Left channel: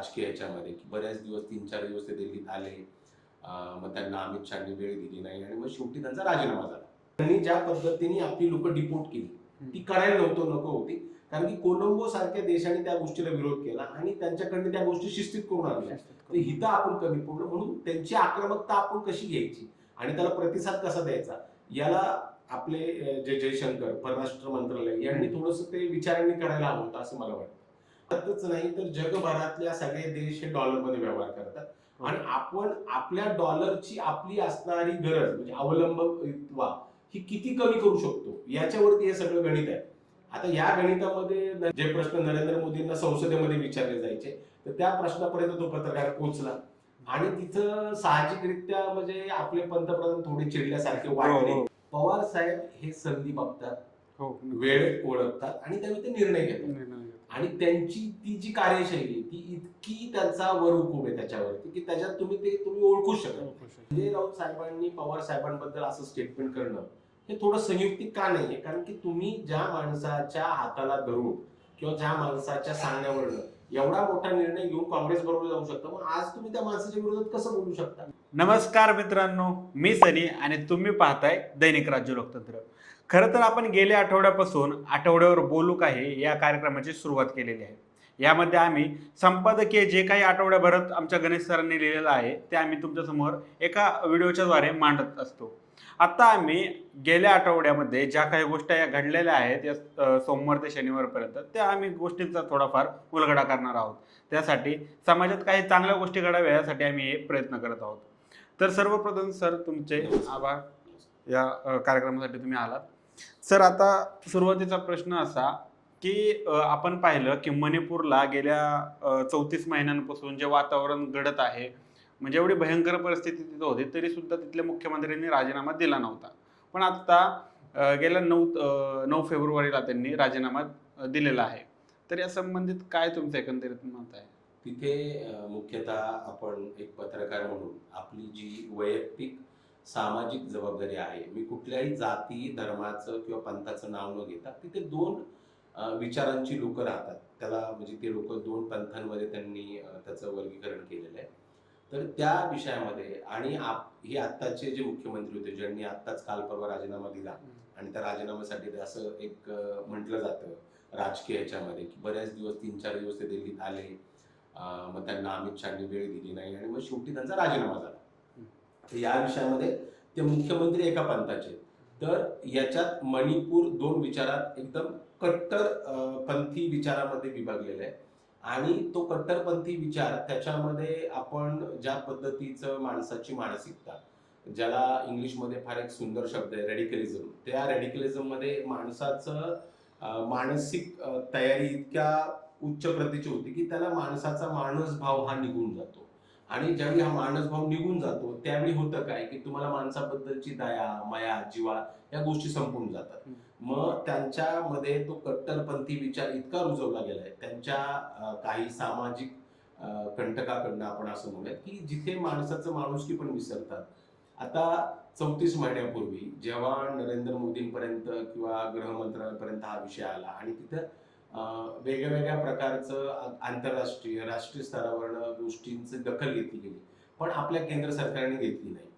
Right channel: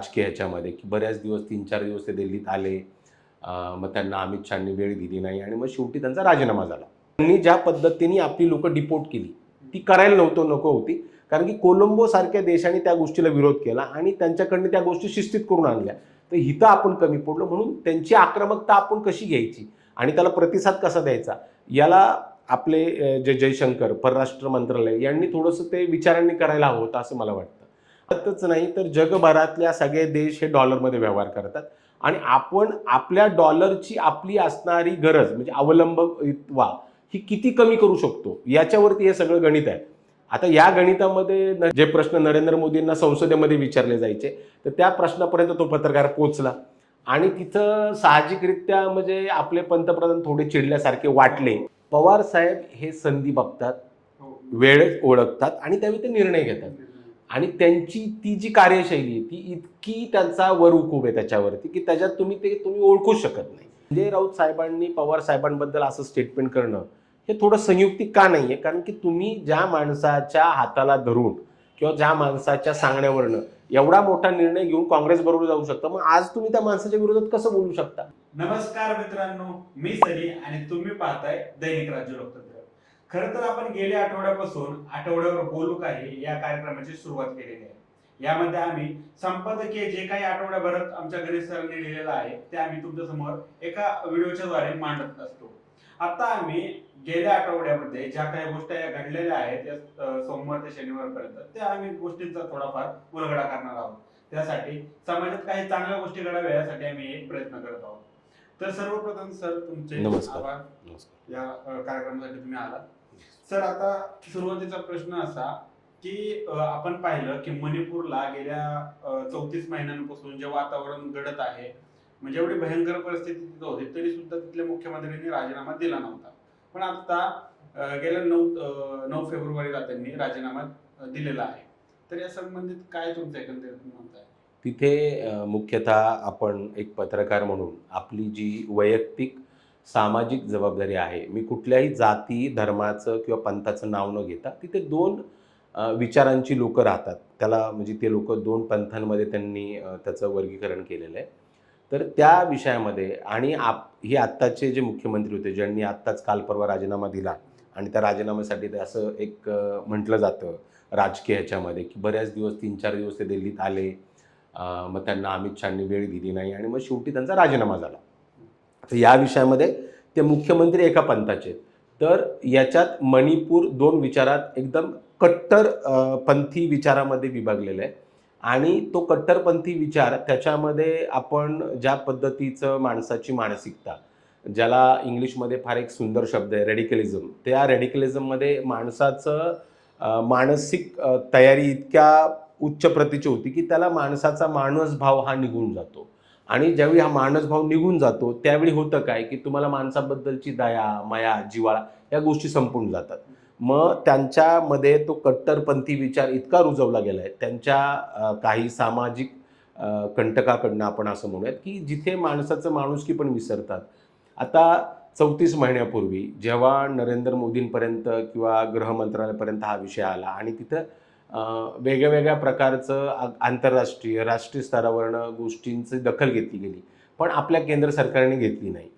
राजकीय ह्याच्यामध्ये, की बऱ्याच दिवस 3-4 दिवस ते दिल्लीत आले. मग त्यांना अमित शहांनी वेळ दिली नाही आणि मग शेवटी त्यांचा राजीनामा झाला. त्यांनी ज्या पद्धतीने आपली लोकं डिपोर्ट केली, ती करायला नको होती. कारण की कोलंबो सारख्या देशाने त्या गोष्टीला विरोध केला आणि त्यांच्याकडनं त्या गोष्टी शिस्तीत करून आणल्या. तर इथं आपण कमी पडलो म्हणून त्यांची आक्रमकता आपण कशी घ्यायची आणि त्याला प्रतिसाद कसा द्यायचा, याला आपले जे जयशंकर परराष्ट्र मंत्रालय यांनी थोडंसं ते विचारांनी करायला हवं होतं असं मला वाटतं. भारतच नाही तर जगभरातल्या सगळे देश हे डॉलरमध्ये व्यवहार करतात आणि आपण आपल्या डॉलरची आपली असणारी गरज म्हणजे अवलंबित्वा ही किती कमी करू शकतो याच्यावरती हे सगळं गणित आहे. आता या गणितामध्ये जे प्रश्न नरेंद्र मोदींना संसदेमध्ये विचारले जायचे, तर त्या प्रश्नापर्यंत तो पत्रकार पोहोचला आणि तिथं साहजिकरित्या म्हणजे आपले पंतप्रधान थोडे चिडल्यासारखे वाटले. पवार साहेब हे संधी बघतात, वेळ ओळखतात आणि त्यावेळी ते निर्णय घेतात. आणि त्यांची ती जी कार्यशैली आहे ती इतकी त्यांचा वर उकूब आहे त्याच्यावरती, की त्याच्यात तुम्ही ओळखूच शकत नाही. संजय राऊत साहेबांनी पवार साहेबांबद्दल असं स्टेटमेंट करणं हे थोडं संयुक्तिक का नाहीये? कारण की तुम्ही ज्या माणसाच्या हाताला धरून किंवा ज्या माणसाच्या सांगण्यावरनं एवढा मोठा निर्णय घेऊन काँग्रेस बरोबर जाऊ शकता, मग आज तुम्ही त्या माणसाच्या विरोधात कसं बोलू शकता? नमस्कार मित्रांनो, मी सनी आणि तुम्ही पाहताय दैनिक राज्य लोकतंत्र. खरं तर आपण गेल्या आठवड्यापासून आठवड्यावर बोलू काही या कार्यक्रमाची सुरुवात केलेली आहे. यामध्ये आम्ही संपादकीय जे काही आठवड्याभरात आमच्या गणेश सरांनी लिहिलेलं आहे ते आम्ही तुमच्या समोर एका व्हिडिओच्या द्वारे मांडत असतो. आता आम्ही गेल्या आठवड्यामध्ये ज्या काही गोष्टी घडलेल्या आहेत या सोमवार ते शनिवारपर्यंत त्या आम्ही गोष्टींचा थोडाफार उलगडा करणार आहोत. त्यासाठी समाजात काही चांगल्या गोष्टी घडाव्या यासाठी आम्ही हे प्रयत्न करत आहोत. तर सर्वप्रथम सर तुमचे नमस्कार. आभार या कार्यक्रमासाठी तुम्ही आलात. सर आता सुरुवातीचा प्रश्न असा की आपण पाहिलं की मणिपूरला गेल्या 34 महिन्यांपासून जे वातावरण घडत आहे म्हणजे एवढी भयंकर परिस्थिती तिथं होती तरी सुद्धा तिथल्या मुख्यमंत्र्यांनी राजीनामा दिला नव्हता. पण आता गेल्या 9 फेब्रुवारीला त्यांनी राजीनामा दिलेला आहे. तर या संबंधित काय तुमचं एकंदरीत मत आहे? तिथे मुख्यतः आपण एक पत्रकार म्हणून आपली जी वैयक्तिक सामाजिक जबाबदारी आहे, मी कुठल्याही जाती, धर्माचं किंवा पंथाचं नाव न घेता तिथे 2 विचारांची लोकं राहतात. त्याला म्हणजे ते लोकं 2 पंथांमध्ये त्यांनी त्याचं वर्गीकरण केलेलं आहे. तर त्या विषयामध्ये आणि हे आत्ताचे जे मुख्यमंत्री होते, ज्यांनी आत्ताच काल परवा राजीनामा दिला आणि त्या राजीनाम्यासाठी ते असं एक म्हटलं जातं राजकीय ह्याच्यामध्ये, की बऱ्याच दिवस 3-4 दिवस ते दिल्लीत आले. मग त्यांना अमित शहांनी वेळ दिली नाही आणि मग शेवटी त्यांचा राजीनामा झाला. तर या विषयामध्ये ते मुख्यमंत्री एका पंथाचे आहेत. तर याच्यात मणिपूर 2 विचारात एकदम कट्टर पंथी विचारामध्ये विभागलेला आहे आणि तो कट्टरपंथी विचार त्याच्यामध्ये आपण ज्या पद्धतीचं माणसाची मानसिकता, ज्याला इंग्लिशमध्ये फार एक सुंदर शब्द आहे रेडिकलिझम. त्या रेडिकलिझममध्ये माणसाचं मानसिक तयारी इतक्या उच्च प्रतीची होती, की त्याला माणसाचा माणूसभाव हा निघून जातो. आणि ज्यावेळी हा मानसभाव निघून जातो, त्यावेळी होतं काय, की तुम्हाला माणसाबद्दलची दया, माया, जिव्हाळा या गोष्टी संपून जातात. मग त्यांच्यामध्ये तो कट्टरपंथी विचार इतका रुजवला गेलाय, त्यांच्या काही सामाजिक कंटकाकडनं आपण असं म्हणूयात, की जिथे माणसाचं माणुसकी पण विसरतात. आता 34 महिन्यापूर्वी जेव्हा नरेंद्र मोदींपर्यंत किंवा गृह मंत्रालयापर्यंत हा विषय आला आणि तिथं वेगळ्या प्रकारचं आंतरराष्ट्रीय, राष्ट्रीय स्तरावरनं गोष्टींची दखल घेतली गेली. पण आपल्या केंद्र सरकारने घेतली नाही.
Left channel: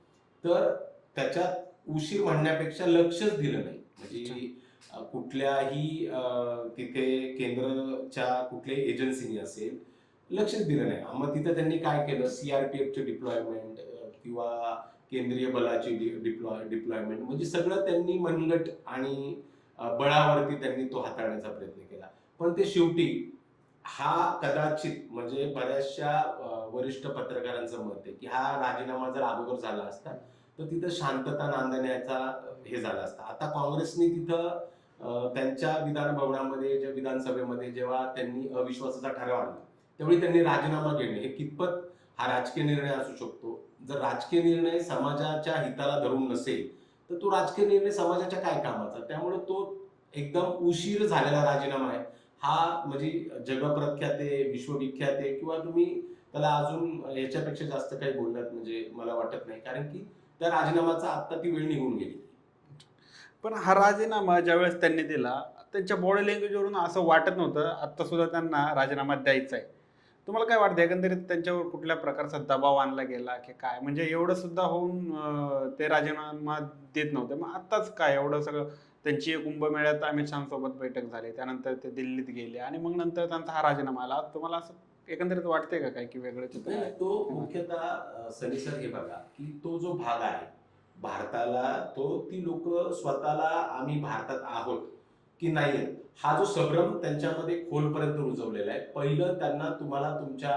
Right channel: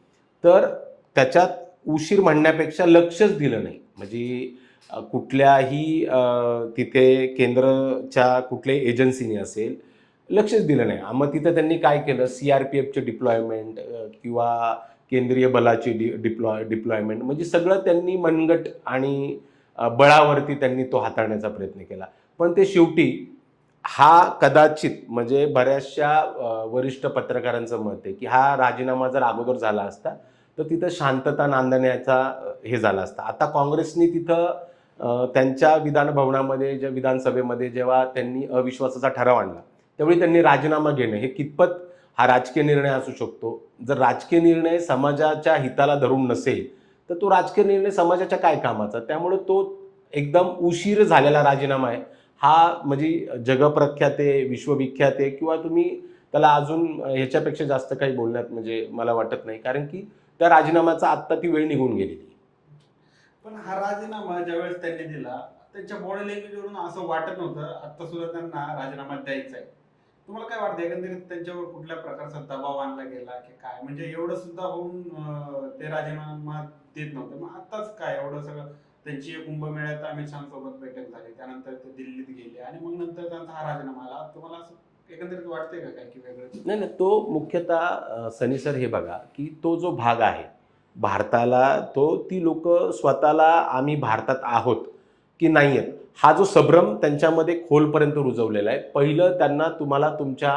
तर त्याच्यात उशीर म्हणण्यापेक्षा लक्षच दिलं नाही. म्हणजे कुठल्याही तिथे केंद्राच्या कुठल्याही एजन्सीने असेल, लक्षच दिलं नाही. मग तिथं त्यांनी काय केलं, सी-आर-पी-एफचे डिप्लॉयमेंट किंवा केंद्रीय बलाची डिप्लॉयमेंट म्हणजे सगळं त्यांनी मनगट आणि बळावरती त्यांनी तो हाताळण्याचा प्रयत्न केला. पण ते शेवटी हा कदाचित म्हणजे बऱ्याचशा वरिष्ठ पत्रकारांचं मत आहे, की हा राजीनामा जर अगोदर झाला असता, तर तिथं शांतता नांदण्याचा हे झाला असता. आता काँग्रेसनी तिथं त्यांच्या विधान भवनामध्ये, विधानसभेमध्ये जेव्हा त्यांनी अविश्वासाचा ठराव आणला, त्यावेळी त्यांनी राजीनामा घेणं हे कितपत हा राजकीय निर्णय असू शकतो. जर राजकीय निर्णय समाजाच्या हिताला धरून नसेल, तर तो राजकीय निर्णय समाजाच्या काय कामाचा? त्यामुळे तो एकदम उशीर झालेला राजीनामा आहे. हा म्हणजे जगप्रख्यात आहे, विश्वविख्यात आहे किंवा तुम्ही त्याला अजून ह्याच्यापेक्षा जास्त काही बोलण्यात म्हणजे मला वाटत नाही. कारण की त्या राजीनाम्याचा आत्ता ती वेळ निघून गेलेली आहे. पण हा राजीनामा ज्यावेळेस त्यांनी दिला, त्यांच्या बॉडी लँग्वेजवरून असं वाटत नव्हतं, आत्ता सुद्धा त्यांना राजीनामा द्यायचा आहे. तुम्हाला काय वाटतं एकंदरीत त्यांच्यावर कुठल्या प्रकारचा दबाव आणला गेला की काय, म्हणजे एवढं सुद्धा होऊन ते राजीनामा देत नव्हते, मग आताच काय एवढं सगळं. त्यांची कुंभमेळ्यात अमित शहासोबत बैठक झाली, त्यानंतर ते दिल्लीत गेले आणि मग नंतर त्यांचा हा राजीनामा आला. तुम्हाला असं एकंदरीत वाटतंय का काय की वेगळं? नाही नाही, तो मुख्यतः सनी सर हे बघा की तो जो भाग आहे भारताला, तो ती लोक स्वतःला आम्ही भारतात आहोत की नाही आहेत हा जो संभ्रम त्यांच्यामध्ये खोलपर्यंत रुजवलेला आहे. पहिलं त्यांना तुम्हाला तुमच्या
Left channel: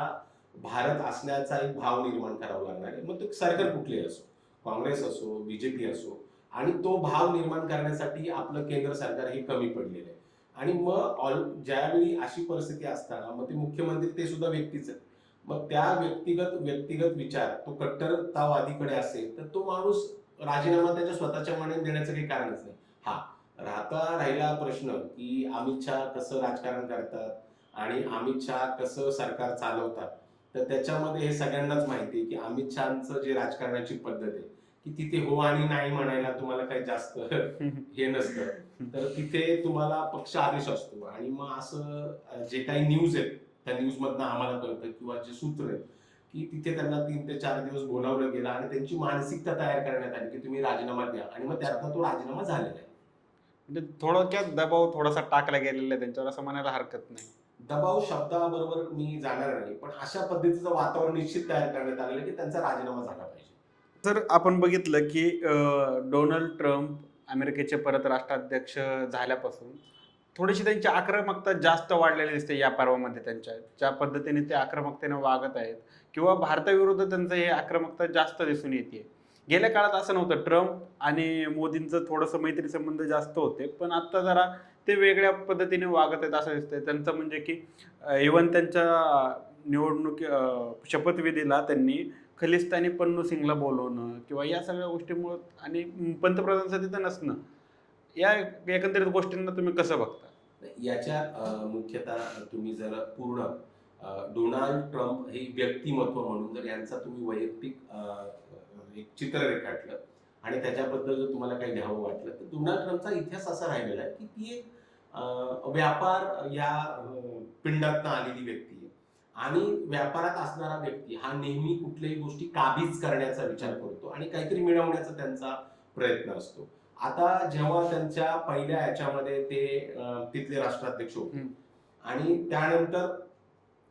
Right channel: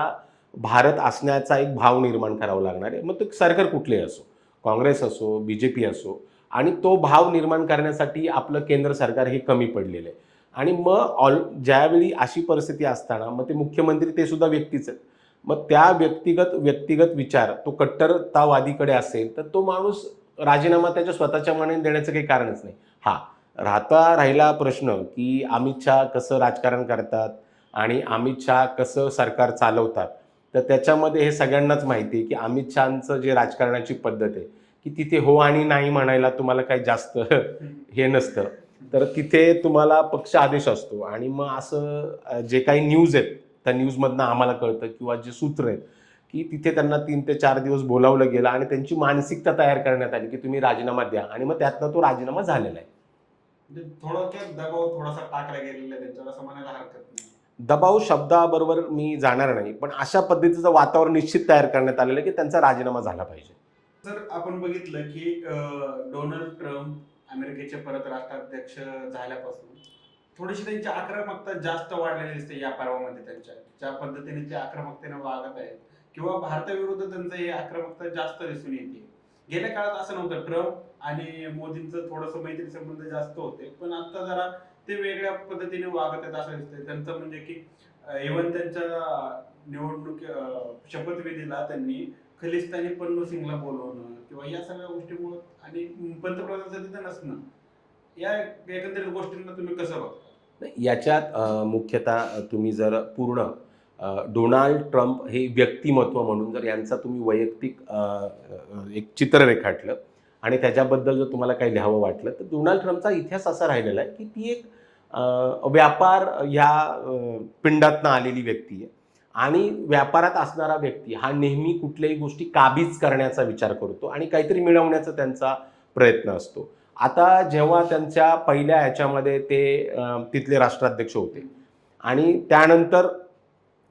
भारत असण्याचा एक भाव निर्माण करावा लागणार आहे, मग तो सरकार कुठलेही असो, काँग्रेस असो, BJP असो. आणि तो भाव निर्माण करण्यासाठी आपलं केंद्र सरकार हे कमी पडलेलं आहे. आणि मग ज्यावेळी अशी परिस्थिती असताना मग ते मुख्यमंत्री ते सुद्धा व्यक्तीच आहेत. मग त्या व्यक्तिगत विचार तो कट्टरतावादीकडे असेल तर तो माणूस राजीनामा त्याच्या स्वतःच्या मनाने देण्याचं काही कारणच नाही. हा राहिला प्रश्न की अमित शहा कसं राजकारण करतात आणि अमित शहा कसं सरकार चालवतात, तर त्याच्यामध्ये हे सगळ्यांनाच माहिती आहे की अमित शहाचं जे राजकारणाची पद्धत आहे की तिथे हो आणि नाही म्हणायला तुम्हाला काही जास्त हे नसतं. तर तिथे तुम्हाला पक्ष आदेश असतो आणि मग असं जे काही न्यूज आहेत त्या न्यूजमधनं आम्हाला कळतं किंवा जे सूत्र आहेत की तिथे त्यांना 3 ते 4 दिवस बोलावलं गेलं आणि त्यांची मानसिकता तयार करण्यात आली की तुम्ही राजीनामा द्या आणि मग त्यातनं तो राजीनामा झालेला आहे. म्हणजे थोडक्यात दबाव थोडासा टाकला गेलेला आहे त्यांच्यावर असं म्हणायला हरकत नाही. दबाव शब्दाबरोबर मी जाणार नाही, पण अशा पद्धतीचं वातावरण निश्चित तयार करण्यात आलेलं आहे की त्यांचा राजीनामा झाला पाहिजे. तर आपण बघितलं की डोनाल्ड ट्रम्प अमेरिकेचे परत राष्ट्राध्यक्ष झाल्यापासून थोडीशी त्यांची आक्रमकता जास्त वाढलेली दिसते या पर्वामध्ये. त्यांच्या ज्या पद्धतीने ते आक्रमकतेने वागत आहेत किंवा भारताविरुद्ध त्यांचं हे आक्रमकता जास्त दिसून येते. गेल्या काळात असं नव्हतं, ट्रम्प आणि मोदींचं थोडंसं मैत्री संबंध जास्त होते, पण आता जरा ते वेगळ्या पद्धतीने वागत आहेत असं दिसतंय. त्यांचं म्हणजे की इव्हन त्यांच्या निवडणूक शपथविधीला त्यांनी खलिस्तानी पन्नू सिंगला बोलवणं किंवा या सगळ्या गोष्टीमुळं आणि पंतप्रधान तिथं नसणं, या एकंदरीत गोष्टींना तुम्ही कसं बघता? याच्यात मुख्यतः तुम्ही जर पूर्ण डोनाल्ड ट्रम्प हे व्यक्तिमत्व म्हणून जर यांचा तुम्ही वैयक्तिक एक चित्र रेखाटलं आणि त्याच्याबद्दल जर तुम्हाला काही लिहावं वाटलं तर डोनाल्ड ट्रम्पचा इतिहास असा राहिलेला आहे की ती एक व्यापार ह्या पिंडातनं आलेली व्यक्ती आहे. आणि व्यापारात असणारा व्यक्ती हा नेहमी कुठल्याही गोष्टी काबीज करण्याचा विचार करतो आणि काहीतरी मिळवण्याचा त्यांचा प्रयत्न असतो. आता जेव्हा त्यांच्या पहिल्या ह्याच्यामध्ये ते तिथले राष्ट्राध्यक्ष होते आणि त्यानंतर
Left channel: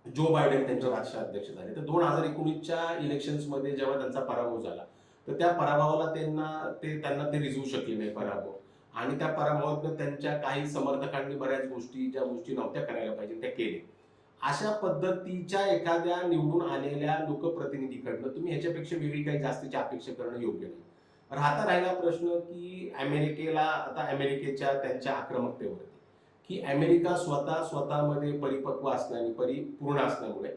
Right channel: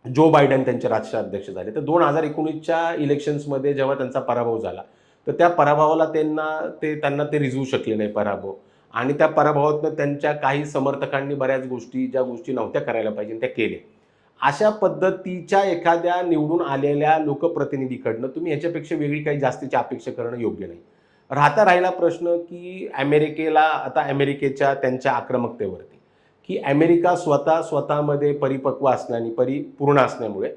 जो बायडन त्यांचे राष्ट्राध्यक्ष झाले, तर 2019च्या इलेक्शन्समध्ये जेव्हा त्यांचा पराभव झाला तर त्या पराभवाला त्यांना ते रिझवू शकले नाही पराभव. आणि त्या पराभवातनं त्यांच्या काही समर्थकांनी बऱ्याच गोष्टी ज्या गोष्टी नव्हत्या करायला पाहिजे त्या केल्या. अशा पद्धतीच्या एखाद्या निवडून आलेल्या लोकप्रतिनिधीकडनं तुम्ही ह्याच्यापेक्षा वेगळी काही जास्तीची अपेक्षा करणं योग्य नाही. राहिला प्रश्न की अमेरिकेच्या त्यांच्या आक्रमकतेवरती की अमेरिका स्वतःमध्ये परिपक्व असल्याने परिपूर्ण असल्यामुळे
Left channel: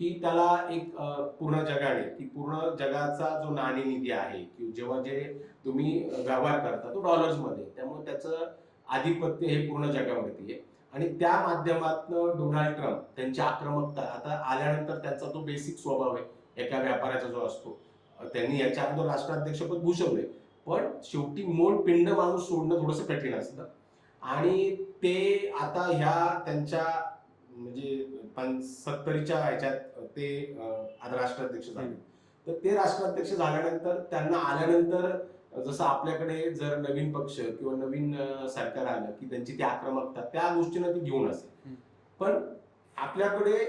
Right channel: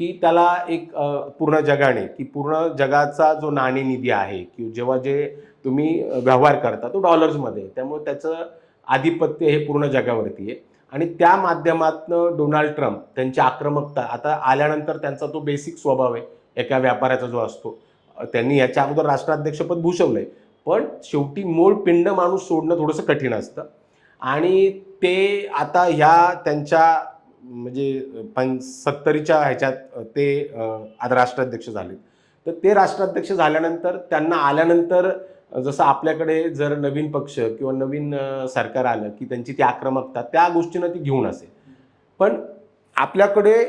की त्याला एक पूर्ण जगाने की पूर्ण जगाचा जो नाणेनिधी आहे की जेव्हा जे तुम्ही व्यवहार करता तो डॉलर्समध्ये, त्यामुळे त्याचं आधिपत्य हे पूर्ण जगावरती आहे. आणि त्या माध्यमातनं डोनाल्ड ट्रम्प त्यांची आक्रमकता आता आल्यानंतर त्यांचा तो बेसिक स्वभाव आहे एका व्यापाऱ्याचा जो असतो. त्यांनी याच्या अगोदर राष्ट्राध्यक्षपद भूषवलंय, पण शेवटी मूळ पिंड माणूस सोडणं थोडंसं कठीण असतं. आणि ते आता ह्या त्यांच्या म्हणजे 70च्या ह्याच्यात ते आता राष्ट्राध्यक्ष झाले. तर ते राष्ट्राध्यक्ष झाल्यानंतर त्यांना आल्यानंतर जसं आपल्याकडे जर नवीन पक्ष किंवा नवीन सरकार आलं की त्यांची ती आक्रमकता त्या गोष्टीनं ती घेऊन असेल. पण आपल्याकडे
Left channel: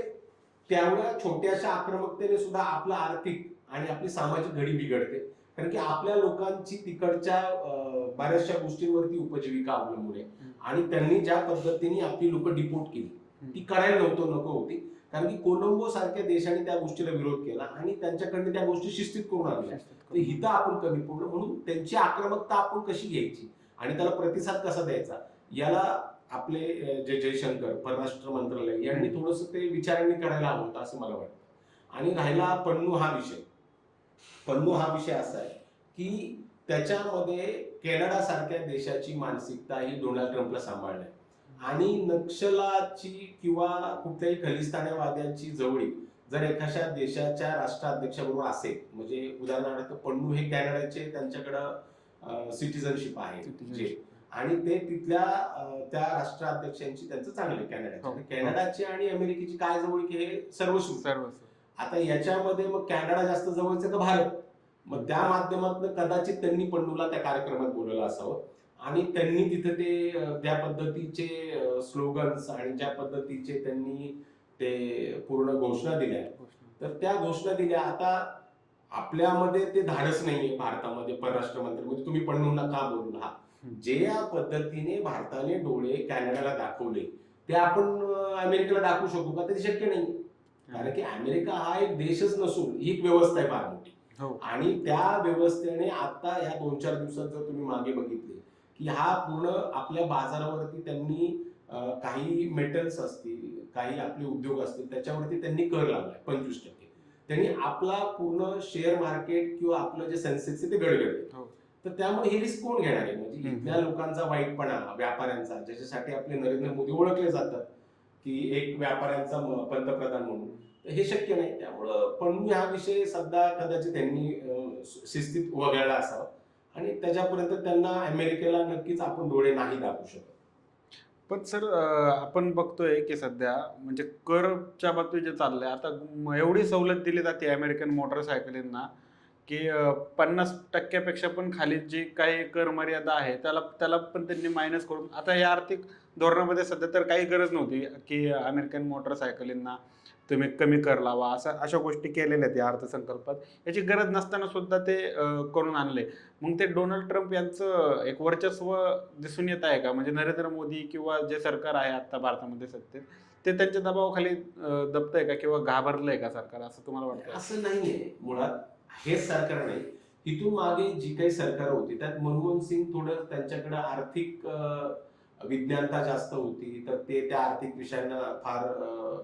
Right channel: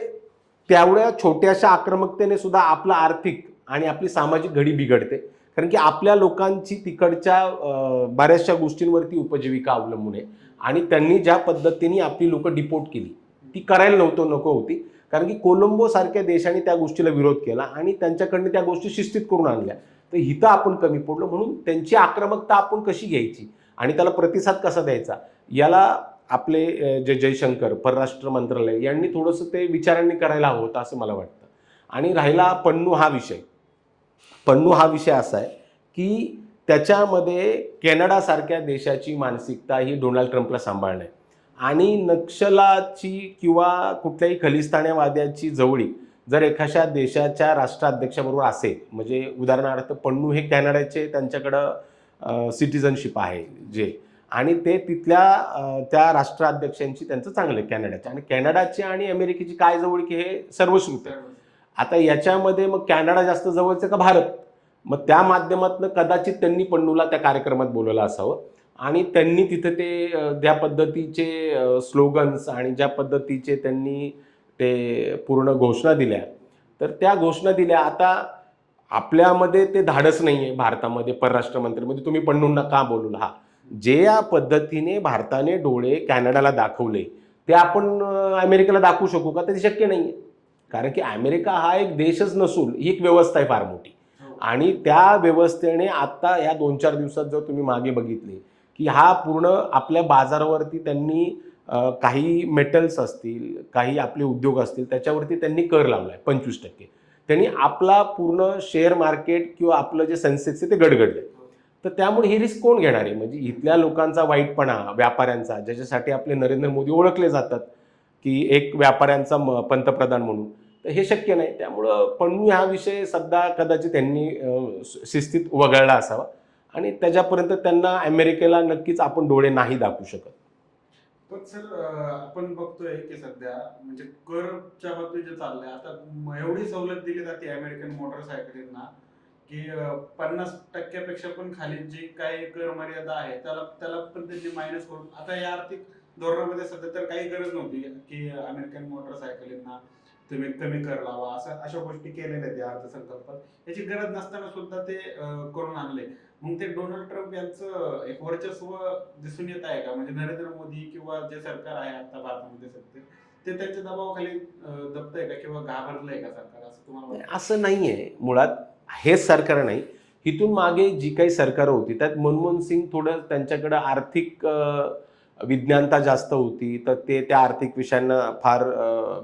तेवढ्या छोट्याशा आक्रमकतेने सुद्धा आपलं आर्थिक आणि आपली सामाजिक घडी बिघडते, कारण की आपल्या लोकांची तिकडच्या बऱ्याचशा गोष्टींवरती उपजीविका अवलंबून आहे. आणि त्यांनी ज्या पद्धतीने आपली लोक डिपोर्ट केली ती करायला नको होती, कारण की कोलंबो सारख्या देशाने त्या गोष्टीला विरोध केला आणि त्यांच्याकडनं त्या गोष्टी शिस्तीत करून आणल्या. तर हिथं आपण कमी पडलो, म्हणून त्यांची आक्रमकता आपण कशी घ्यायची आणि त्याला प्रतिसाद कसा द्यायचा याला आपले जे जयशंकर परराष्ट्र मंत्रालय यांनी थोडंसं ते विचारांनी करायला हवं होतं असं मला वाटतं. आणि राहिला पन्नू हा विषय असा आहे की त्याच्यामध्ये कॅनडासारख्या देशाची मानसिकता ही डोनाल्ड ट्रम्पला सांभाळणं आहे. आणि नक्षलाची किंवा कुठल्याही खलिस्तानवाद्याची जवळीक जर एखाद्या देशाच्या राष्ट्राध्यक्षाबरोबर असेल, म्हणजे उदाहरणार्थ पन्नू हे कॅनडाचे त्यांच्याकडं सिटिझनशिप आहे जे, आणि ते तिथल्या त्या राष्ट्राध्यक्षांची त्यांचं चांगलं आहे कॅनडाच्या. आणि कॅनडाची आणि अमेरिकेची काय जवळकी हे सर्वश्रुत आहे. आता याच्यामध्ये मग कॅनडा जास्त जवळचं का भारत, मग त्या माध्यमातून कदाचित त्यांनी पन्नूला त्या कार्यक्रमात बोलवलं असावं आणि त्यांनी तिथे ते ज्या पद्धतीचे स्लोगन्स आणि ज्या पद्धतीचे त्यांनी ते पूर्ण घोषणा दिल्या, तर त्या घोषणा दिल्या. आता आपल्यामध्ये ते धाडस नाहीये भारतामध्ये परराष्ट्र मंत्र्यांमध्ये तुम्ही पन्नूंना का बोलवलं. हा, जे या पद्धतीने भारताने डोळे कॅनडाला दाखवले ते आपण अमेरिकेला दाखवू शकू का, ते शक्य नाहीये. कारण की अमेरिका हा एक देशच नसून ही एक व्यवस्था आहे फार मोठी. आणि त्या व्यवस्थेने आता या 2-4 दिवसात जर तुम्ही मागे बघितले की हा पूर्ण आपल्या बाजारावरती त्यांनी काही मेटल्स असतील, काही आपले उद्योग असतील, त्याच्यावरती त्यांनी कर लावलाय 25%. त्यांनी आपला पूर्ण शेअर मार्केट किंवा आपलं जे सेन्सेक्स आहे ते गडगडले. तर त्यामुळे ही रिस्क कोण घेणार आहे. म्हणजे इथल्या लोकांचा वाईटपणा, व्यापाऱ्यांचा, ज्याच्यासाठी आपले नरेंद्र मोदी ओळखले जातात की एक व्यापाऱ्यांचा पंतप्रधान म्हणून, तर हे शक्य नाही. त्यामुळं पन्नू हा विषय सध्या कदाचित त्यांनी शिस्तीत वगळला असावा आणि त्याच्यापर्यंत त्यांना अमेरिकेला नक्कीच आपण डोळे नाही दाखवू शकत. पण सर आपण बघतोय की सध्या म्हणजे करच्या बाबतीत जे चाललंय आता एवढी सवलत दिली जाते अमेरिकन मोटरसायकलींना की 50% पण खाली जी काही कर मर्यादा आहे त्याला त्याला पण त्यांनी मायनस करून आता या आर्थिक धोरणामध्ये सध्या तर काही गरज नव्हती की अमेरिकन मोटरसायकलींना तुम्ही कमी कर लावा अशा गोष्टी केलेल्या आहेत या अर्थसंकल्पात. याची गरज नसताना सुद्धा ते करून आणले. मग ते डोनाल्ड ट्रम्प यांचं एक वर्चस्व दिसून येत आहे का, म्हणजे नरेंद्र मोदी किंवा जे सरकार आहे आता भारतामध्ये सत्तेत ते त्यांच्या दबावाखाली दबतंय का किंवा घाबरलंय का सरकार, असं तुम्हाला वाटतं? असं नाहीये मुळात. हेच सरकार नाही, इथून मागे जी काही सरकार होती त्यात मनमोहन सिंग थोडं त्यांच्याकडे आर्थिक विज्ञानता जास्त होती, तर ते त्या आर्थिक विषयांना फार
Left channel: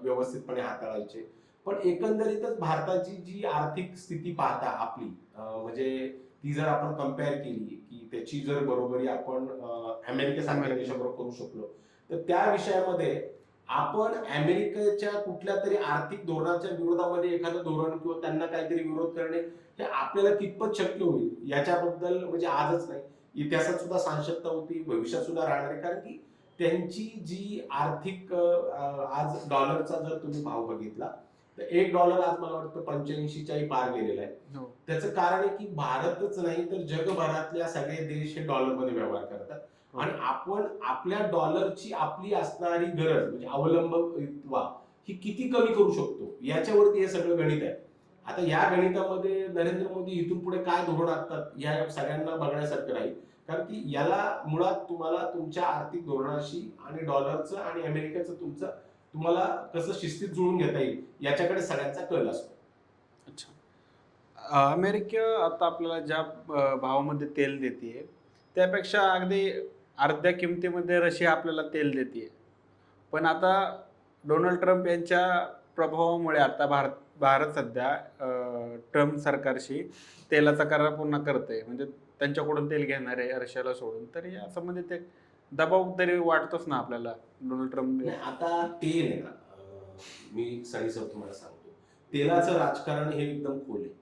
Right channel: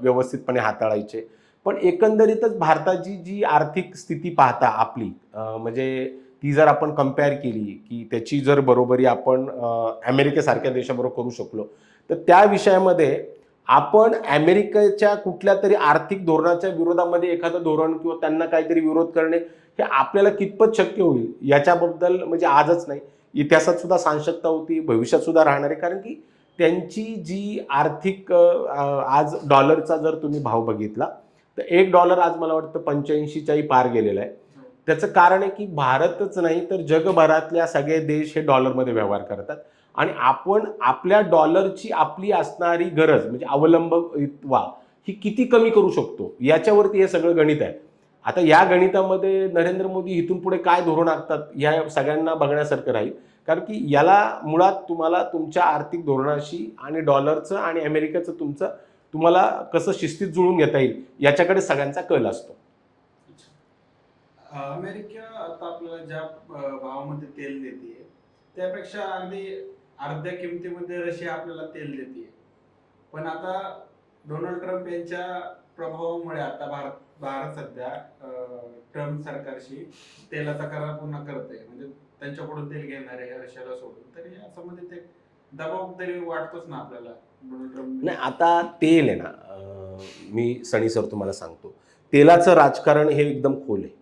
व्यवस्थितपणे हाताळायचे. पण एकंदरीतच भारताची जी आर्थिक स्थिती पाहता आपली म्हणजे ती जर आपण कम्पेअर केली की त्याची जर बरोबरी आपण अमेरिकेसारख्या देशाबरोबर करू शकलो, तर त्या विषयामध्ये आपण अमेरिकेच्या कुठल्या तरी आर्थिक धोरणाच्या विरोधामध्ये एखादं धोरण किंवा त्यांना काहीतरी विरोध करणे हे आपल्याला कितपत शक्य होईल याच्याबद्दल म्हणजे आजच नाही, इतिहासात सुद्धा साशंकता होती, भविष्यात सुद्धा राहणार आहे. कारण की त्यांची जी आर्थिक आज डॉलरचा जर तुम्ही भाव बघितला तर $1 आज मला वाटतं 85च्याही पार गेलेला आहे. त्याचं कारण आहे की भारतच नाही तर जगभरातल्या सगळे देश हे डॉलरमध्ये व्यवहार करतात आणि आपण आपल्या डॉलरची आपली असणारी गरज म्हणजे अवलंबित्वा ही किती कमी करू शकतो याच्यावरती हे सगळं गणित आहे. आता या गणितामध्ये नरेंद्र मोदी इथून पुढे काय धोरण आखतात या सगळ्यांना बघण्यासारखं राहील. कारण की याला मुळात तुम्हाला तुमच्या आर्थिक धोरणाशी आणि डॉलरचं आणि अमेरिकेचं तुम्हाला कसं शिस्तीत जुळून घेता येईल याच्याकडे सगळ्यांचा कल असतो. अमेरिका आता आपल्याला ज्या भावामध्ये तेल देते त्यापेक्षा अगदी अर्ध्या किमतीमध्ये रशिया आपल्याला तेल देते. पण आता डोनाल्ड ट्रम्प यांच्या प्रभावामुळे आता भारत भारत सध्या ट्रम्प सरकारशी तेलाचा करार पुन्हा करते, म्हणजे त्यांच्याकडून तेल घेणार आहे रशियाला सोडून. तर या संबंधित एक दबाव तरी वाटतोच ना आपल्याला डोनाल्ड ट्रम्प. नाही, आता तेल आहे ना, मी सनी सर तुम्हाला सांगतो, तेलाचं राजकारण हे एकदम खोल आहे.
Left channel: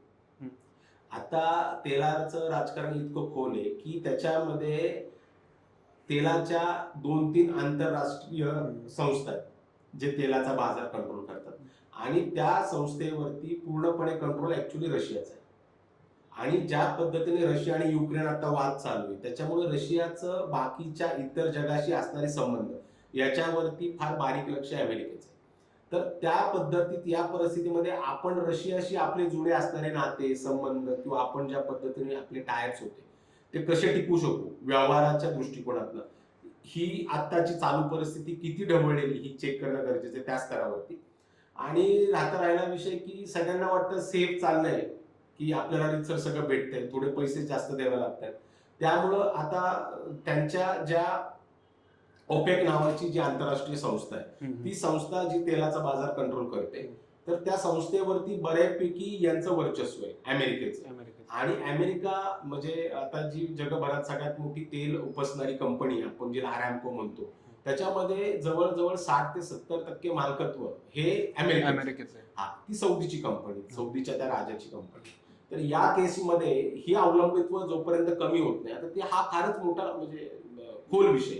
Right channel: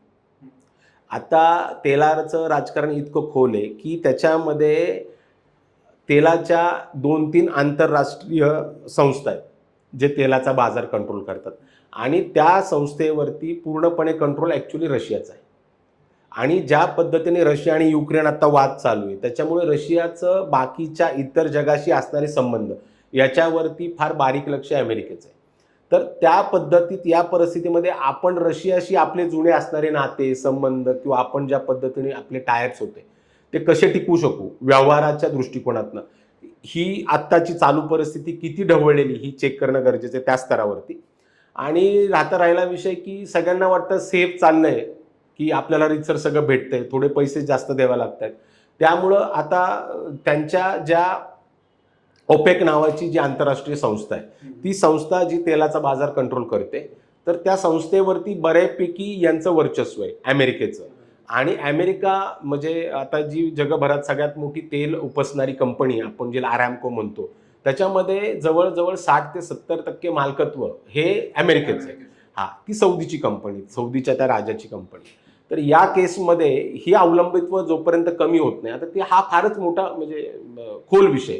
आता तेलाचं राजकारण इतकं खोल आहे की त्याच्यामध्ये तेलाच्या 2-3 आंतरराष्ट्रीय संस्था आहेत जे तेलाचा बाजार कंट्रोल करतात आणि त्या संस्थेवरती पूर्णपणे कंट्रोल ॲक्च्युली रशियाचा आहे. आणि ज्या पद्धतीने रशिया आणि युक्रेन आता वाद चालू आहे त्याच्यामुळे रशियाचं बाकीच्या इतर जगाशी असणारे संबंध याच्यावरती फार बारीक लक्ष अमेरिकेचं आहे. तर त्या पद्धतीत या परिस्थितीमध्ये आपण रशियाशी आपले जुने असणारे नाते संबंध किंवा आपण ज्या पद्धतीने आपले टायर्स होते ते कसे टिकवू शकू व्यवहाराच्या दृष्टिकोनातनं, ही आत्ताची चालू परिस्थिती किती ढवळलेली ही चेक करणं गरजेचं आहे त्या स्तरावरती. आणि राहिला विषय की सगळ्यांना वाटतं सेफ चाललंय की आपल्याला रितसर सगळं भेटतंय, थोडे पैसे जास्त द्यावे लागतात. त्यामुळं आता त्यांच्या ज्या ओपेक नावाची जी आंतरराष्ट्रीय संस्था आहे ती संस्था जी तेलाचा बाजार कंट्रोल करते, तर त्या संस्थेवरती बऱ्यापैकी यांचं वर्चस्व आहे अमेरिकेचं. आणि अमेरिका म्हणजे आता जी जगभरात सगळ्यात मोठी तेल उपसणारी कंपनी आपण जे आरॅमको म्हणतो त्याच्यामध्ये जवळजवळ 60 ते 70% मालकत्व हे अमेरिकेचं. हा, ती सौदीची कंपनी, सौदीच्या त्या राजाची कंपनी. तर या केसमध्ये ही अवलंबित्व जोपर्यंत कमी होत नाही, आता ते हा फारच मोठा म्हणजे खोल विषय.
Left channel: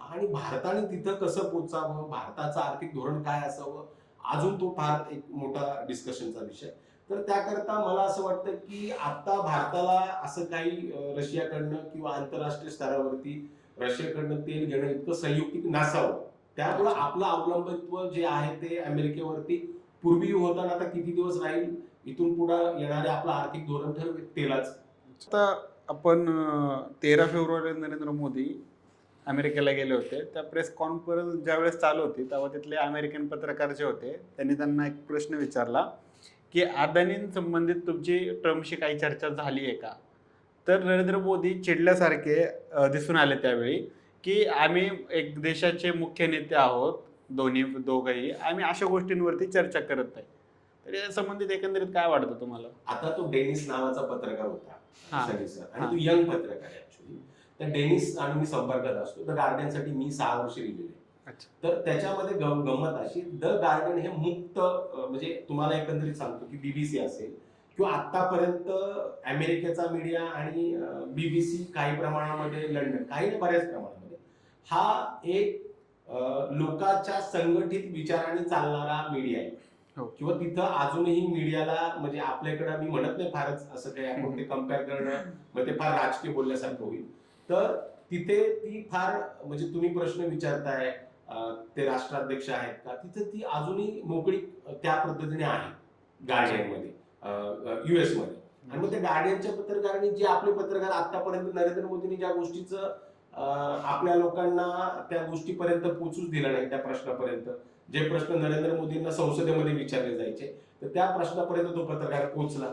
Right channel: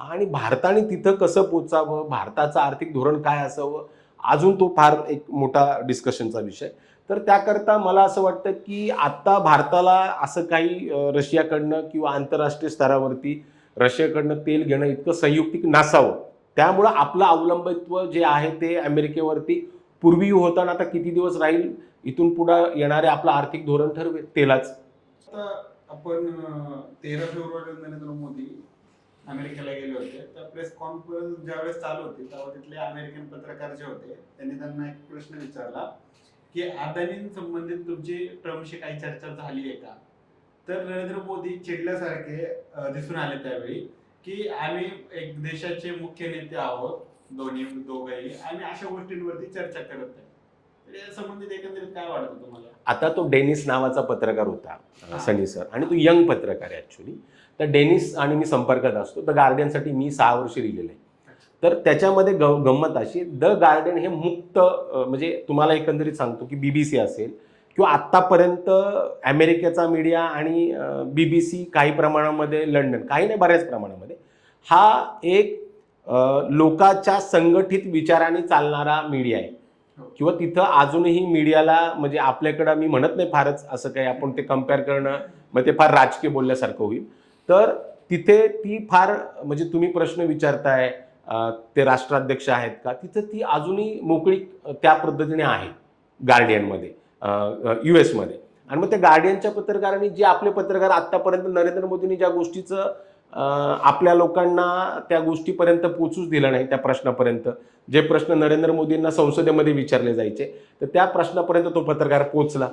आणि भारताने तिथं कसं पोचावं, भारताचं आर्थिक धोरण काय असावं, अजून तो फार एक मोठा डिस्कशनचा विषय. तर त्याकरता मला असं वाटतं की आता भारताला असं काही रशियाकडनं किंवा आंतरराष्ट्रीय स्तरावरती रशियाकडनं तेल घेणं इतकं संयुक्तिक नसावं. त्यामुळं आपलं अवलंबित्व जे आहे ते अमेरिकेवरती पूर्वी होता ना, आता किती दिवस राहील, इथून पुढे येणारे आपलं आर्थिक धोरण ठरवेल तेलाच. आता आपण 13 फेब्रुवारी नरेंद्र मोदी अमेरिकेला गेले होते. त्या प्रेस कॉन्फरन्स ज्यावेळेस चालू होती तेव्हा तिथले अमेरिकन पत्रकार जे होते त्यांनी त्यांना एक प्रश्न विचारला की अदानींसंबंधित तुमची ट्रम्पशी काही चर्चा झाली आहे का? तर नरेंद्र मोदी चिडल्यासारखे दिसून आले त्यावेळी की आम्ही एक देशाचे मुख्य नेते आहोत, दोघंही आम्ही अशा गोष्टींवरती चर्चा करत नाही. तर या संबंधित एकंदरीत काय वाटतं तुम्हाला? आता तो डेनिस नावाचा पत्रकार होता, हां. सनी सर, आणि तो हां. यंग पत्रकार आहे ऍक्च्युली. तर डेनिस आणि मी संपर्कात असतो. द गार्डियनसाठी मी 6 वर्ष लिहिलेलं आहे. अच्छा. तर त्याच्यामध्ये गंमत अशी, द गार्डियन हे मुक्त म्हणजे तुम्हाला एकंदरीत सांगतो की बीबीसी असेल किंवा आत्तापर्यंत अमेरिकेचा मीडिया आणि बीबीसी काही प्रमाणामध्ये, लंडन काही नाही बऱ्याच प्रमाणामध्ये, हा एक लोकांच्या संघटित विचाराने चालणारा मीडिया आहे. हो. किंवा तिथं अजूनही मीडियाला म्हणजे आपल्याकडं मी म्हणत नाही फारच असं काही आपण ते कम्पेअर करणं मग ते फार राजकीय बोलल्यासारखं होईल. तर तिथे ती फार म्हणजे तुम्ही प्रश्न विचारताय ते राष्ट्राध्यक्ष आहेत का, तिथं ती अजूनही मोकळी त्या पद्धतीने आहे गार्डियनमध्ये, US मध्ये. आणि मग त्या गार्डियनच्या पत्रकारांनी जे आपले पत्रकार आतापर्यंत नरेंद्र मोदींनी ज्या गोष्टीचं आपल्या लोकांना त्या गोष्टीपर्यंत पोचूच दिलं नाही, त्या प्रश्नापर्यंत जे प्रश्न नरेंद्र मोदींना संसदेमध्ये विचारले जायचे, तर त्या प्रश्नापर्यंत तो पत्रकार पोचला.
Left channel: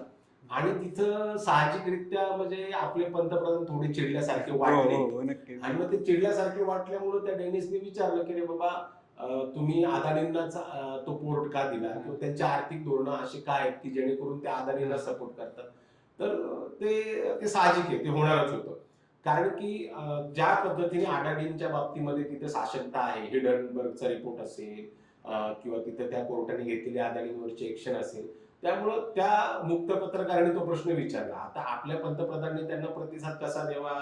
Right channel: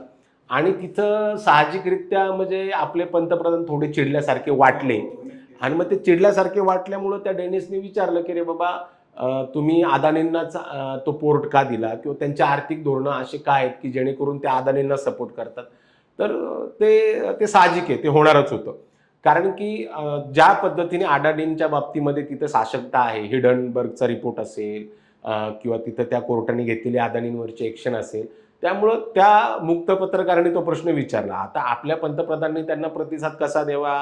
आणि तिथं साहजिकरित्या म्हणजे आपले पंतप्रधान थोडे चिडल्यासारखे वाटले. हो, नक्कीच. आणि मग ते चिडल्यासारखे वाटल्यामुळं त्या डेनिसने विचारलं की रे बाबा, तुम्ही अदानींनाच तो पोर्ट का दिला, किंवा त्यांच्या आर्थिक धोरणं असे काय आहेत की जेणेकरून ते अदानींना सपोर्ट करतात. तर ते साहजिक आहे, ते होणारच होतं. कारण की ज्या पद्धतीने अदानींच्या बाबतीमध्ये तिथं साशंकता आहे, हिडनबर्गचा रिपोर्ट असेल किंवा तिथं त्या कोर्टाने घेतलेली अदानींवरची ॲक्शन असेल, त्यामुळं त्या मुक्त पत्रकारांनी तो प्रश्न विचारला. आता आपल्या पंतप्रधानांनी त्यांना प्रतिसाद कसा द्यावा,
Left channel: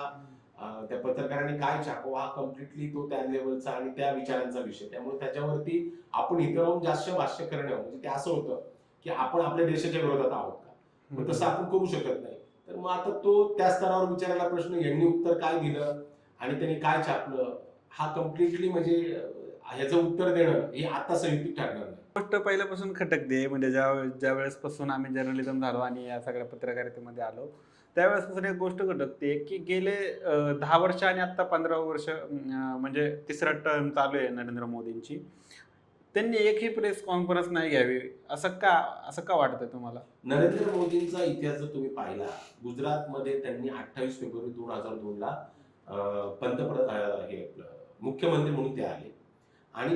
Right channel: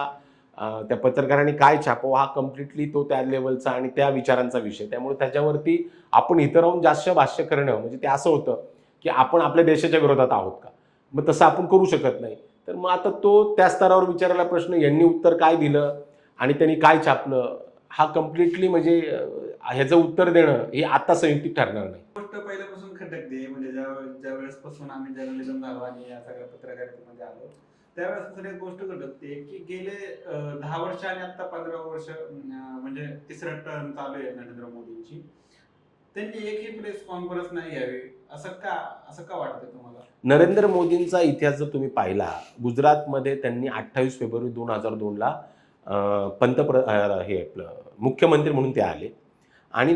त्या पत्रकारांनी काय छापावं, हा कम्प्लिटली तो त्या लेवलचा आणि त्या विचारांचा विषय. त्यामुळे त्याच्यावरती आपण इथं राहून जास्त भाष्य करणं म्हणजे ते असं होतं की आपण आपल्या देशाच्या विरोधात आहोत का, मग तसं आपण करू शकत नाही. तर मग आता तो त्या स्तरावर विचारायला प्रश्न, यांनी उत्तर काय दिलं आणि त्यांनी काय छापलं, हा कम्प्लिटली म्हणजे ह्याचं उत्तर देणं हे आता संयुक्तिक ठरणार नाही. गोष्ट पहिल्यापासून खटकते, म्हणजे ज्या वेळेसपासून आम्ही जर्नलिझम झालो आणि या सगळ्या पत्रकारितेमध्ये आलो त्यावेळेसपासून एक गोष्ट खटकते की गेले 10 वर्ष आणि आता 15 वर्ष म्हणजे तिसरा टर्म चालू आहे नरेंद्र मोदींची, त्यांनी एकही प्रेस कॉन्फरन्स नाही घ्यावी, असं का वाटतं तुम्हाला? नरेंद्र मोदींचा इतिहास जर तुम्ही पाहिला, गुजरातमध्ये त्यांनी 28 फेब्रुवारी 2002ला हे आपलं मुख्यमंत्री म्हणून ते आले. आणि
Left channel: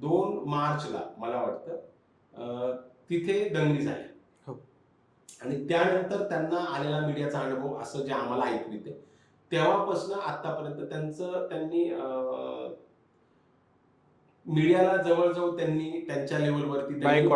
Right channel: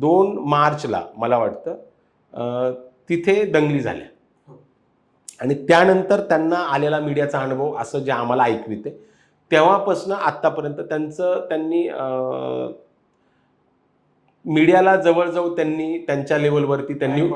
2 मार्चला मला वाटतं तिथे दंगली झाल्या. हो. आणि त्यानंतर त्यांना आलेला मीडियाचा अनुभव असं जे आम्हाला ऐकू येते, तेव्हापासून आत्तापर्यंत त्यांनी मीडियाला जवळजवळ त्यांनी त्यांच्या लेवलवरती त्यांनी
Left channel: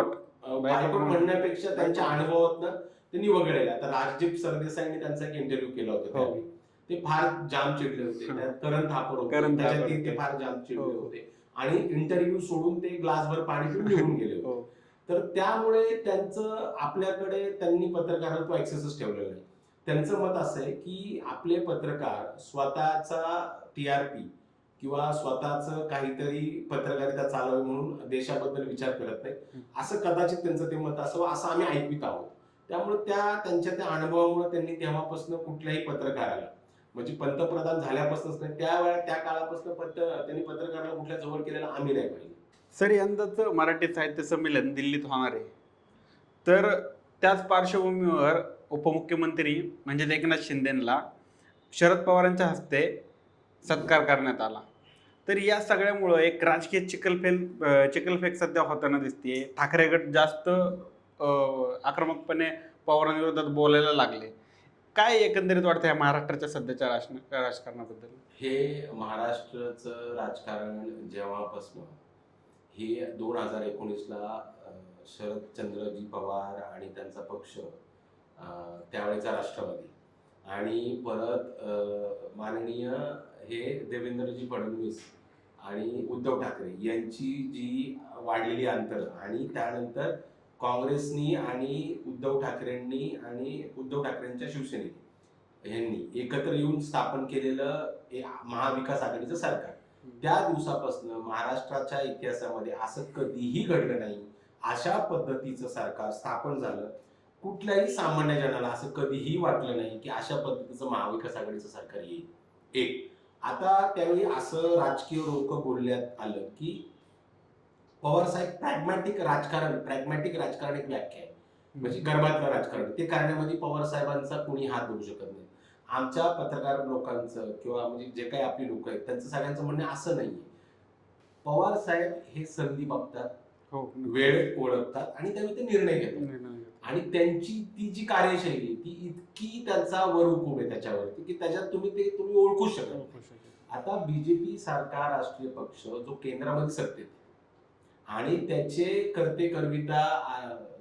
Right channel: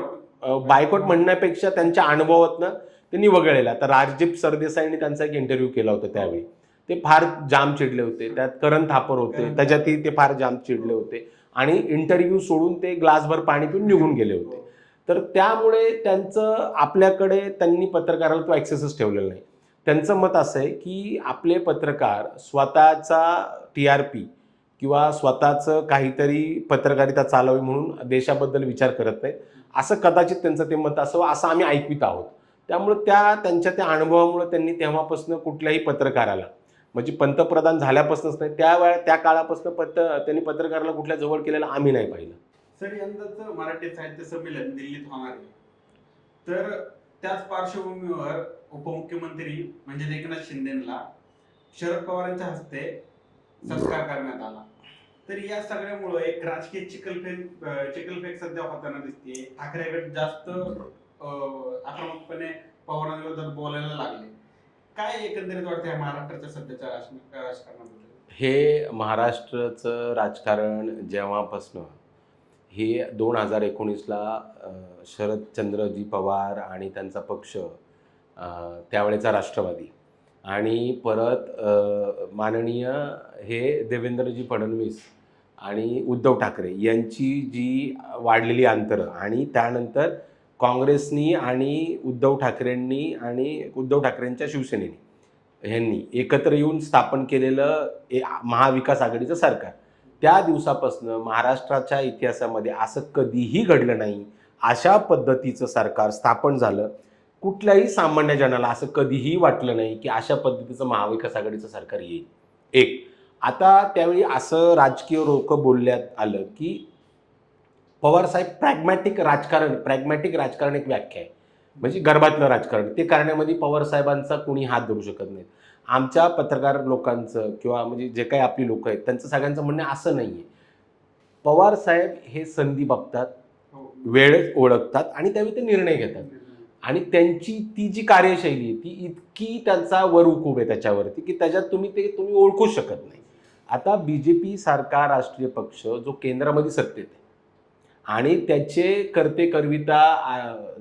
बायकॉट म्हणण्यापेक्षा त्यांच्या अनुभवातनं त्यांनी वगळलेला. आता राजदीप सरदेसाईंनी त्यांचा एक इंटरव्ह्यू केला होता त्यावेळी. ते फार जाम चिडले होते. त्यात करण थापर होते, त्याच्यातही ते फार जाम चिडले होते आणि इंटरव्ह्यू सोडून ते ग्लासभर पाणी पिऊन निघून गेले होते. तर त्यामुळे त्यांचं आपल्याकडे त्यांनी पत्रकाराला तो ॲक्सेसच ठेवलेला नाही. त्यांचं मत असं आहे की आपले पत्रकार स्वतःचा TRP किंवा स्वतःचं काहीतरी पत्रकारिता चालवावी म्हणून देशाबद्दल विचार करत नाहीत, असं कदाचित त्यांचं ते मत असावं असं आम्ही ऐकवित आहोत. त्यामुळे त्यांच्या त्या अनुभवामुळे त्यांनी तेव्हापासून कुठल्याही पत्रकाराला, म्हणजे पंतप्रधान झाल्यापासूनच नाही, त्या काळापासून त्यांनी पत्रकाराला कुठल्या जवळ केलेलं आम्ही नाही पाहिलं. सर, यंदाचं मराठी साहित्य संमेलन दिल्लीत होणार आहे, तर त्याच पार्श्वभूमीवर उपमुख्यमंत्री म्हणजे एकनाथ शिंदेंना शरद पवारांच्या हस्ते सत्कार करण्यात आला. तर या सगळ्यामुळं एक राजकीय चिखलफेक सध्या होताना दिसते. ठाकरे गट जास्त आक्रमकपणे पवारांविरोधात बोलायला लागले. काय एकंदरीत वाटतं या महाराष्ट्राच्या सध्याच्या राजकारणाबद्दल? हे महाराष्ट्राचं राजकारण जेव्हापासनं हे 2019ला शरदचंद्रजी पवार आणि त्यांचा पक्ष त्यावेळेचा राष्ट्रवादी, आणि परत माननीय हे देवेंद्रजी फडणवीस आणि उद्धव ठाकरे यांची जी वाढलेली अंतरं, आणि त्यानंतर काँग्रेसनी आणि उद्धव ठाकरेंच्या शिवसेनेने ह्यांनी एकत्र येऊन स्थापन केलेलं महाविकास आघाडीचं सरकार, त्या दिवसापासून महाराष्ट्राच्या इतिहासामध्ये असं कधीही घडलं नाही. अशा पद्धतीचं सरकार स्थापन झालं. कुठल्याही सामान्य जनाला असं कधीही वाटलं नाही की अशा पद्धतीचं महाविकास आघाडीचं सरकार येईल. एक, आता त्यावेळी असं राजकीय लोक बोलण्यात आलं की पवारसाहेब प्रॅग्मॅटिक राजकारण एक व्याख्या आहे, म्हणजे गर्भातलं राजकारण ते करण्यामध्ये पवारसाहेबांचा कोणी हात धरू शकत नाही. आमच्या पत्रकार लोकांचं किंवा म्हणजे जे काही आपली लोक आहेत त्यांचं सगळ्यांचं म्हणणं असं नाही आहे. पवारसाहेब हे संधी बघतात, वेळ ओळखतात आणि त्यावेळी ते निर्णय घेतात. आणि त्यांची ती जी कार्यशैली आहे ती इतकी त्यांचा वरहुकूब आहे त्याच्यावरती की त्याच्यात तुम्ही ओळखू शकत नाही. आता बीजेपी सारखा राष्ट्रीय पक्ष जो केंद्रामध्ये सत्तेत आहे आणि त्याचे करते करविता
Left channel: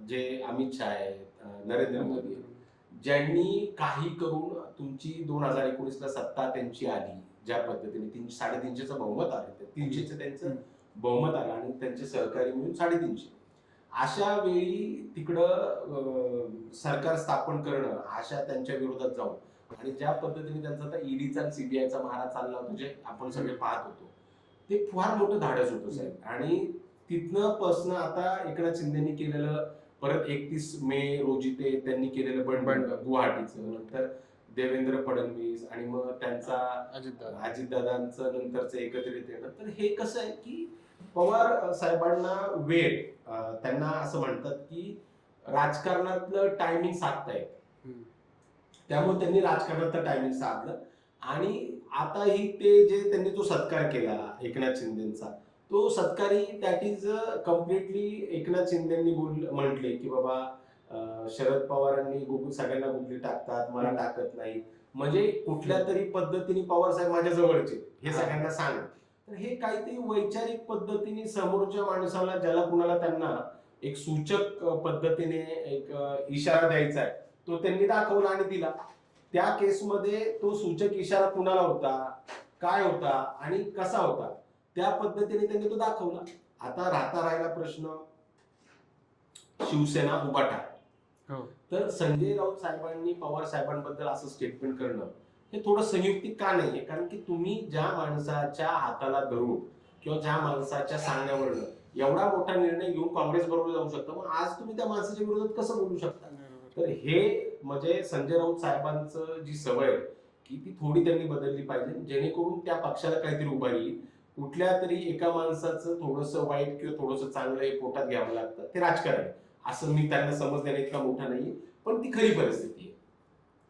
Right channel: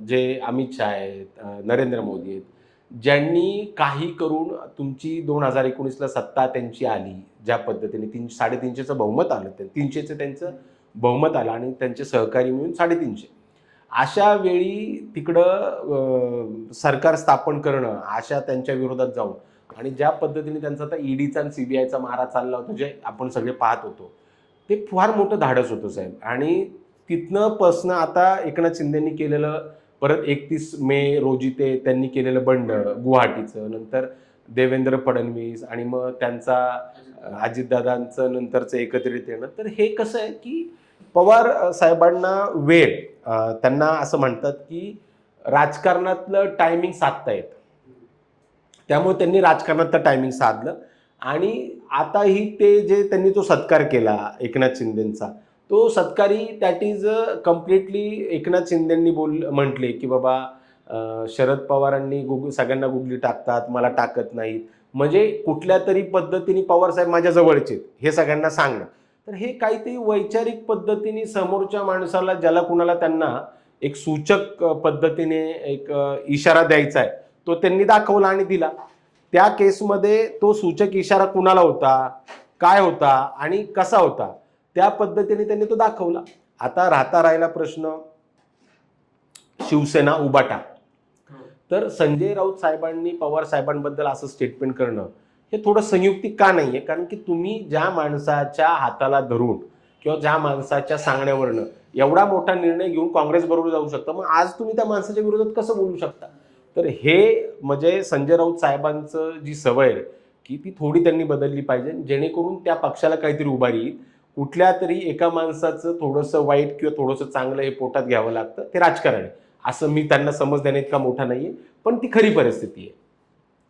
जे अमित शहा आहेत, नरेंद्र मोदी आहेत, ज्यांनी काही करून तुमची 2019ला सत्ता त्यांची आली, ज्या पद्धतीने 350चं बहुमत आलं, 300चं त्यांचं बहुमत आलं आणि त्यांचे सहकारी मिळून 350, अशा वेळी तिकडं सरकार स्थापन करणं, अशा त्यांच्या विरोधात जाऊन, आणि ज्या पद्धतीने त्यांचा आता ईडीचा आणि सीबीआयचा मारा चालला होता जे आपण सगळे पाहत होतो, ते फार मोठं धाडस होतं साहेब. आणि तिथनं पासनं आता एकनाथ शिंदेंनी केलेलं, परत 31 मे रोजी त्यांनी केलेलं बंड गुवाहाटीचं, नंतर देवेंद्र फडणवीस आणि मग त्यांचा अजितदादांचं नंतरचं एकत्रित येणं, तर हे कसं आहे की पवार साहेबांना वेळ, त्यांना असं म्हणतात की राजकारणातलं टायमिंग साधता येतं, त्यामुळे त्यांनी राजकारणातलं टायमिंग साधलं. आणि आताही ते जे त्यांनी जो सत्कार केला एकनाथ शिंदेंचा, तो सत्कारी दॅट इज कम्प्लिटली एकनाथ शिंदेंनी म्हटले की बाबा शरद पवारांनी सगळ्यांना गुगली टाकतात, मला टाकत नाहीत, म्हणजे कुठल्या तरी पद्धतीने पवारसाहेब माझ्या जवळचे हे सगळ्यांना सांगणं. तर हे काहीतरी वैचारिक पद्धतीने समोरच्या माणसाला, ज्याला कुणाला त्यांना एक सूचक पद्धतीने एक इशारा द्यायचा आहे, तो त्यांनी दाखवला आणि दिला. त्या केसमध्ये तो सूचक इशारा कुणाला होता, काय होता आणि कसा होता, त्या पद्धतीने त्यांनी तो दाखवला. आता राहिला प्रश्न शिवसेना उबाटा. तर संजय राऊत साहेबांनी पवार साहेबांबद्दल असं स्टेटमेंट करणं हे थोडं संयुक्तिक का नाहीये? कारण की तुम्ही ज्या माणसाच्या हाताला धरून किंवा ज्या माणसाच्या सांगण्यावरनं एवढा मोठा निर्णय घेऊन काँग्रेस बरोबर जाऊ शकता, मग आज तुम्ही त्या माणसाच्या विरोधात कसं बोलू शकता? तर हे म्हणजे संजय राऊत साहेबांचं जी सवय आहे की ती थोडी त्यांनी बदलली पाहिजे, जेणेकरून त्या पक्षाला काहीतरी उभारी येईल. कुठल्या तरी एका माणसाचं थोडंसं वाईट किंवा थोडंसं चांगलं हे पोटात घ्यावं लागतं, ते राजकारण आहे. असं मी त्यांना समज देण्यात इतका मोठा नाहीये, पण ती खरी परिस्थिती आहे.